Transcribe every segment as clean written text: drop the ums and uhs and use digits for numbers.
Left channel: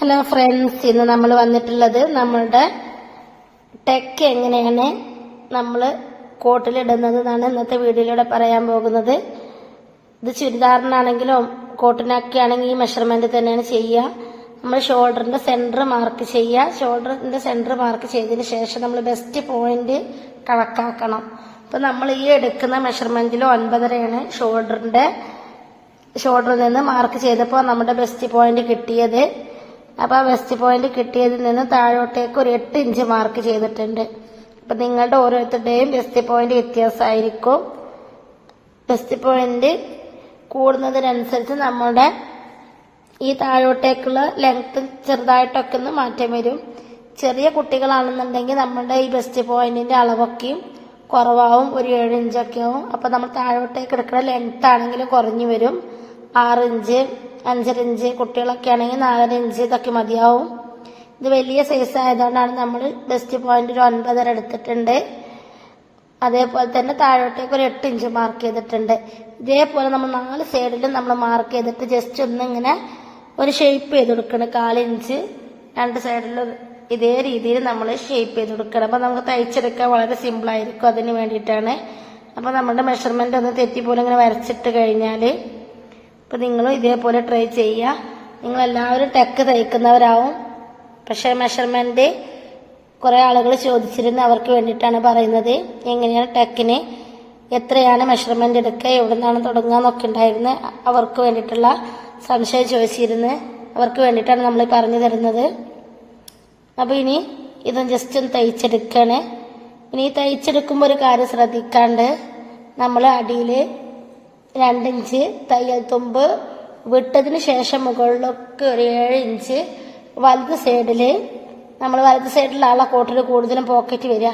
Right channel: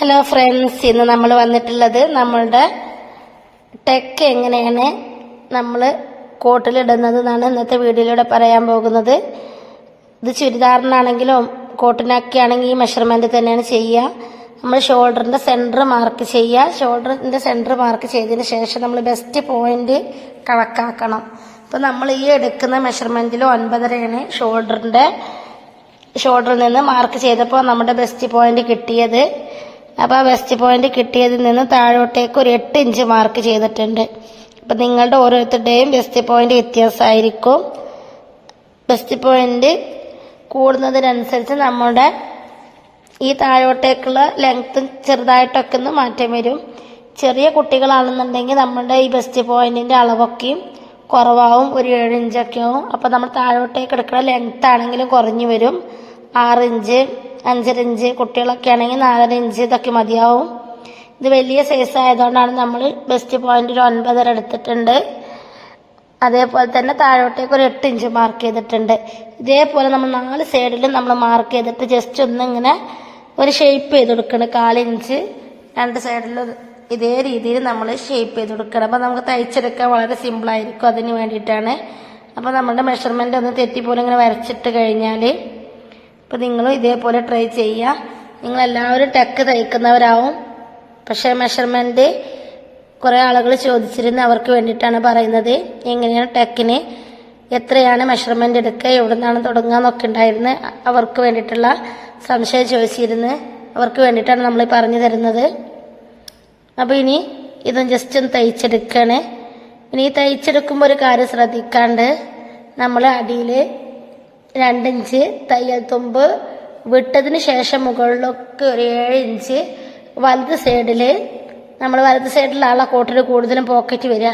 Hello friends, ഇന്ന് നമ്മൾ വന്നിട്ടുള്ളത് നമ്മളുടെ ടെക്ക് എങ്ങനെയാണ് നമ്മൾ കോട്ടിലിടുന്നത് എന്നാണ് ഇന്നത്തെ വീഡിയോയിലൂടെ പറയാൻ പോകുന്നത്. ഇത് ചുരിദാറിനാണെങ്കിലും കോട്ടിനൊക്കെ ആണെങ്കിൽ ഈ മെഷർമെൻറ്റ് തന്നെയാണ് ചെയ്യുക. നമ്മൾ ഷോൾഡറിൻ്റെ സെൻറ്റർ മാർക്ക് ചെയ്യുക. ഷോൾഡറിൻ്റെ സെൻറ്റർ മാർക്ക് ചെയ്തതിന് ശേഷം നമ്മൾ ബെസ്റ്റ് പോയിന്റ് കണക്കാക്കണം. അപ്പോൾ നമ്മൾ ഈ എടുക്കുന്ന മെഷർമെൻറ്റിൽ 9.5 ഷോൾഡറിൽ നിന്ന് മാർക്ക് ചെയ്തപ്പോൾ നമ്മുടെ ബെസ്റ്റ് പോയിന്റ് കിട്ടിയത്. അപ്പോൾ ആ ബെസ്റ്റ് പോയിന്റ് കിട്ടിയതിൽ നിന്ന് താഴോട്ടേക്ക് ഒരു 8 ഇഞ്ച് മാർക്ക് ചെയ്തിട്ടുണ്ട്. അപ്പം നിങ്ങളുടെ ഓരോരുത്തരുടെയും ബെസ്റ്റ് പോയിന്റ് വ്യത്യാസമായിരിക്കും. ബെസ്റ്റ് പോയിന്റ് കൂടുന്നതിനനുസരിച്ച് നമ്മുടെ ഈ താഴോട്ടേക്കുള്ള ലെങ്ത്ത് ചെറുതായിട്ടൊക്കെ ഒന്ന് മാറ്റം വരും. ചെറിയ കുട്ടികളാണെന്നുണ്ടെങ്കിൽ നമ്മുടെ ഈ ബെസ്റ്റ് പോയിന്റിന്റെ അളവൊക്കെയും കുറവാവും, ഒരു 7 ഇഞ്ചൊക്കെ ആവും. അപ്പം നമ്മൾ താഴോട്ടേക്ക് എടുക്കുന്ന ലെങ്ത്ത് ആണെങ്കിലും കുറഞ്ഞു വരും. 6 ഇഞ്ച്, 5.5 ഇഞ്ച്, കുട്ടികളൊക്കെ ആണെങ്കിൽ 4.5 ഇഞ്ച് ഇതൊക്കെ മതിയാവും. ഇത് വലിയ സൈസ് ആയതുകൊണ്ടാണ് നമ്മൾ ബെസ്റ്റ് പോയിന്റ് 9.5 എടുത്തിട്ടുണ്ട്. അതേപോലെ തന്നെ താഴോട്ടേക്ക് ഒരു 8 ഇഞ്ച് മാർക്ക് ചെയ്തിട്ടുണ്ട്. ഇതേപോലെ നമ്മൾ 4 സൈഡിലും നമ്മൾ മാർക്ക് ചെയ്തിട്ട് ജസ്റ്റ് ഒന്നിങ്ങനെ ഒരു ഷേപ്പ് ചെയ്ത് കൊടുക്കണം. 1/4 ഇഞ്ച് 2 സൈഡിലും ഇതേ രീതിയിൽ നമ്മൾ ഷേപ്പ് ചെയ്ത് കൊടുക്കണം. അപ്പം നമുക്ക് തയ്ച്ചെടുക്കാൻ വളരെ സിമ്പിളായിരിക്കും. അതിന് വേണ്ടിയിട്ടാണ്. അപ്പോൾ നമ്മുടെ മെഷർമെൻ്റ് ഒന്ന് തെറ്റിപ്പോലെ ഇങ്ങനെ വരച്ചിട്ട് കഴിഞ്ഞാൽ അപ്പോൾ നിങ്ങളും ഇതേപോലെ ട്രൈ ചെയ്യുക. നിങ്ങളെല്ലാവരും ടെക്ക് തയ്ക്കുന്നവരാവും. പക്ഷേ മെഷർമെൻറ്റ് കുറേ ആളുകൾ ചോദിച്ചിരുന്നു, അവർക്ക് വേണ്ടിയിട്ടാണ് പറയുന്നത്. എങ്ങനെയാണ് ടെക്കിന് എത്രയാണ് മെഷർമെൻറ്റ് എടുക്കുക, എവിടെ നിന്നാണ് തുടങ്ങുക എന്നൊക്കെ ഉണ്ടായിരുന്നു. അവർക്ക് വേണ്ടിയിട്ടുള്ള സംശയം ചോദിച്ചിരുന്നു. അവർക്ക് വേണ്ടിയിട്ടാണ് നമ്മൾ പറഞ്ഞു തരുന്നത്. അപ്പോൾ ഇനി ഇതൊന്ന് ജസ്റ്റ് ഒന്ന് തയ്ച്ചെടുക്കുകയാണ്. ഇനി ഈ തയ്ച്ചെടുക്കുമ്പോൾ ഒരു കാര്യം ശ്രദ്ധിക്കാണ്ട്, നമ്മൾ അടിയിൽ 2 ഇഞ്ച് തയ്യൽ തുമ്പ് വിട്ടതിന് ശേഷം മുകളിലൊക്കെ ഒരു 7 ഇഞ്ച് വലത് സൈഡിൽ, നമ്മൾ വലത് സൈഡിലുള്ള കോട്ടിൽ കൂടുതലും പോക്കറ്റ് വരിക.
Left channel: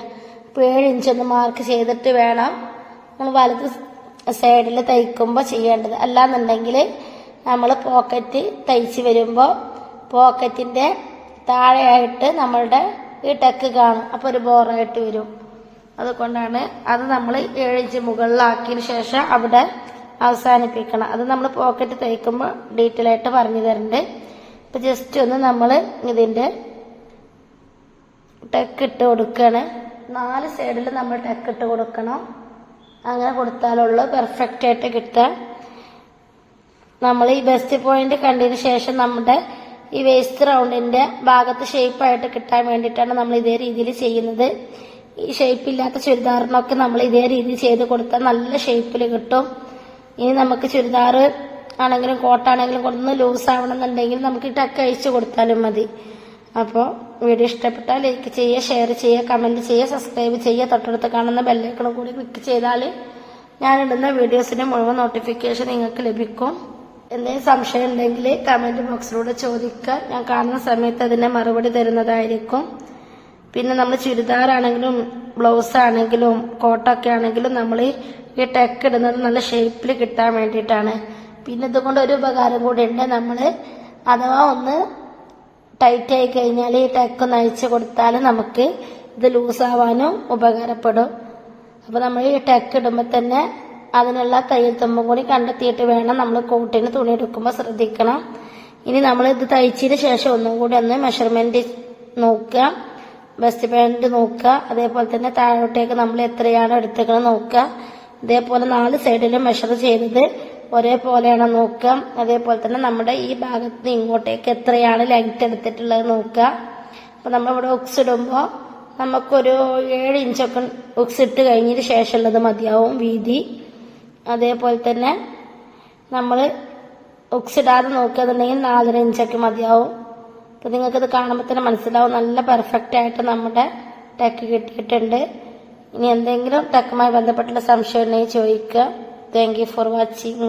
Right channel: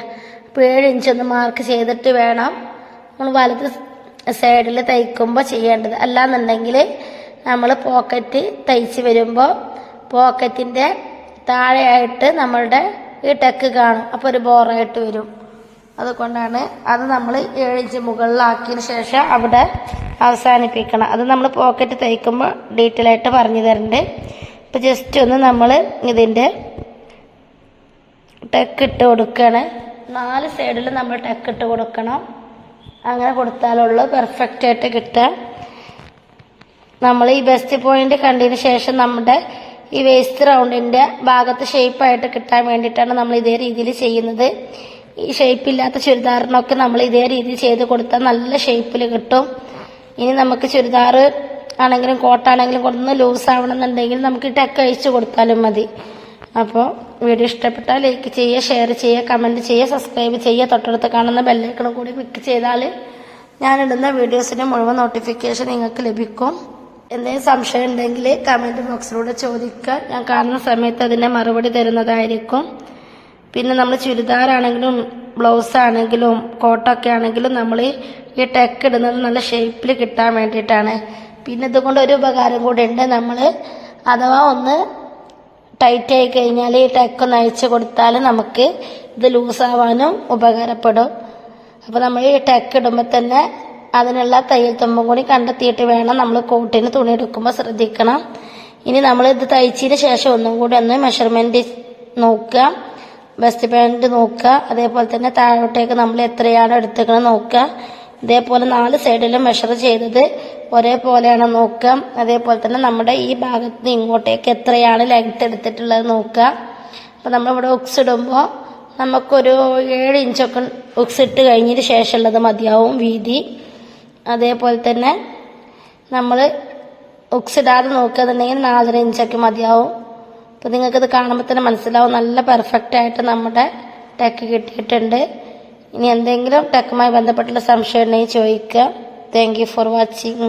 അപ്പോൾ 7 ഇഞ്ച് ഒന്ന് മാർക്ക് ചെയ്തിട്ട് വേണം നമ്മൾ വലത് സൈഡിൽ തയ്ക്കുമ്പോൾ ചെയ്യേണ്ടത്. അല്ലാന്നുണ്ടെങ്കിൽ നമ്മൾ പോക്കറ്റ് തയ്ച്ച് വരുമ്പോൾ പോക്കറ്റിൻ്റെ താഴെയായിട്ട് നമ്മളുടെ ഈ ടെക്ക് കാണും. അപ്പോൾ ഒരു ബോറായിട്ട് വരും. അതുകൊണ്ടാണ് അത് നമ്മൾ 7 ഇഞ്ച് മുകളിലാക്കിയതിന് ശേഷം അവിടെ അവസാനിപ്പിക്കണം. അത് നമ്മൾ പോക്കറ്റ് തയ്ക്കുമ്പോൾ ഡീറ്റെയിൽ ആയിട്ട് പറഞ്ഞു തരുന്നുണ്ട്. അപ്പോൾ ജസ്റ്റ് ഒന്ന് നമ്മൾ ഇതിൻ്റെ ടെക്ക് ഇട്ട് കൊടുക്കുകയാണ്. 4 സൈഡിൽ നമ്മൾ ടെക്ക് ഇട്ട് കൊടുക്കണം. അങ്ങനെ കൊടുത്താലുള്ളൂ പെർഫെക്റ്റ് ആയിട്ട് കിട്ടുക. നമ്മൾ ഈ ബെസ്റ്റ് പോയിന്റ് കണ്ടതിന് ശേഷം നമ്മുടെ ഈ വേസ്റ്റ് റൗണ്ടിൻ്റെ ഭാഗത്ത് ഷേപ്പായിട്ട് കിട്ടാൻ വേണ്ടിയിട്ടാണ് നമ്മൾ ഇതേ രീതിയിൽ ചെയ്യുന്നത്. ഈ ഷേപ്പില്ലാത്ത ചുരിദാറിനൊക്കെ നമ്മൾ ഇതേ രീതിയിൽ ചെയ്ത് കൊടുത്താൽ നല്ല ഷേപ്പിൽ കിട്ടും. ഇനി നമുക്ക് ചുരിദാർ ആണെങ്കിലും കോട്ടാണെങ്കിലും ഒന്ന് ലൂസ് ആവണമെന്നുണ്ടെങ്കിൽ നമുക്ക് ടെക്ക് അഴിച്ചു കൊടുത്താലും മതി. അപ്പോൾ വീഡിയോ ഇഷ്ടപ്പെട്ടാൽ ലൈക്ക് ചെയ്യുക, ഷെയർ ചെയ്യുക, കമൻറ്റ് ചെയ്യുക, സബ്സ്ക്രൈബ് ചെയ്യുക. തൊട്ടടുത്ത് കാണുന്ന ബെല്ലൈക്കണും കൂടി ക്ലിക്ക് ചെയ്താൽ ഞാനിടുന്ന വീഡിയോസിൻ്റെ മുഴുവൻ നോട്ടിഫിക്കേഷൻ നിങ്ങൾക്ക് ലഭിക്കും. എന്തെങ്കിലും സംശയം ഉണ്ടെങ്കിൽ കമൻറ്റ് ബോക്സിലൂടെ ചോദിക്കുക. ഞാൻ കാണുന്ന സമയത്ത് അതിനെ മറുപടി തരുന്നതായിരിക്കും. പിന്നെ നമ്മൾ ചുരിദാറാണെങ്കിലും ബ്ലൗസ് ആണെങ്കിലും കോട്ടൊക്കെ ആണെങ്കിലും നമ്മൾ ഈ ടെക്ക് ഇടുന്നത് നല്ല ഷേപ്പിൽ കിട്ടാൻ വേണ്ടിയിട്ടാണ്. പിന്നെ ഇതുകൊണ്ട് ഒരു ഉപകാരം കൂടി ഉണ്ട്. നമ്മൾ അഥവാ ഒന്ന് ടൈറ്റ് ആയി കഴിഞ്ഞാൽ ഈ ടെക്ക് ഒന്ന് അയച്ചു കൊടുത്താൽ നമുക്ക് ഇത് ലൂസാവാനും ഉപകാരപ്പെടും. അപ്പോൾ നമ്മൾ ഈ ടെക്ക് ഇടുമ്പോൾ തന്നെ അതിനുള്ള തയ്യൽ തുമ്പും കൂടി കണ്ടെത്തിയിട്ട് വേണം നമ്മൾ കോട്ടിന് തുണി എടുക്കുമ്പോൾ ശ്രദ്ധിക്കണം. ഇനി നമ്മൾ ഇത് തയ്ച്ചതിന് ശേഷം ഒന്നും കൂടി ഒന്ന് മെഷർമെൻറ്റ് നോക്കുക, ബെസ്റ്റ് പോയിന്റ് നോക്കുക. അതേപോലെ തന്നെ താഴോട്ടേക്ക് നമ്മൾ എത്രയാണ് എടുത്തേക്കുന്നത് നോക്കുക. ഇതേപോലെ 4 സൈഡിലും മെഷർ ചെയ്തത് ഒരേപോലെയാണ് നോക്കുക. അതേപോലെ തന്നെ നമ്മുടെ ഈ ഭാഗത്ത് നിന്ന് ഇങ്ങോട്ടേക്ക് എത്രയാണ് ലെങ്ത്ത് എടുത്തിട്ടുള്ളത് നോക്കുക. അപ്പോൾ നമ്മളിവിടെ ഉക്സ് ഇടുമ്പോൾ നമുക്കൊരു 7 ഇഞ്ചൊക്കെ ഉക്സ് ഇട്ട് കഴിഞ്ഞതിന് ശേഷമുള്ളത് മതിയാവും വീതി. അതേപോലെ തന്നെ നമ്മൾ ഉക്സ് ഇടാതെ നോക്കുകയെന്നുണ്ടെങ്കിൽ 4.5 ഇഞ്ചൊക്കെ മതിയാവും. അപ്പോൾ നിങ്ങൾക്കിത് കാണുമ്പോൾ തന്നെ മനസ്സിലാവും നല്ല പെർഫെക്റ്റ് ആയിട്ട് നമ്മുടെ ടെക്ക് കിട്ടിയിട്ടുണ്ട്. ഇനി എന്തെങ്കിലും ടെക്കുമായി ബന്ധപ്പെട്ടുള്ള സംശയം ഉണ്ടെങ്കിൽ ചോദിക്കുക. Thank you for watching.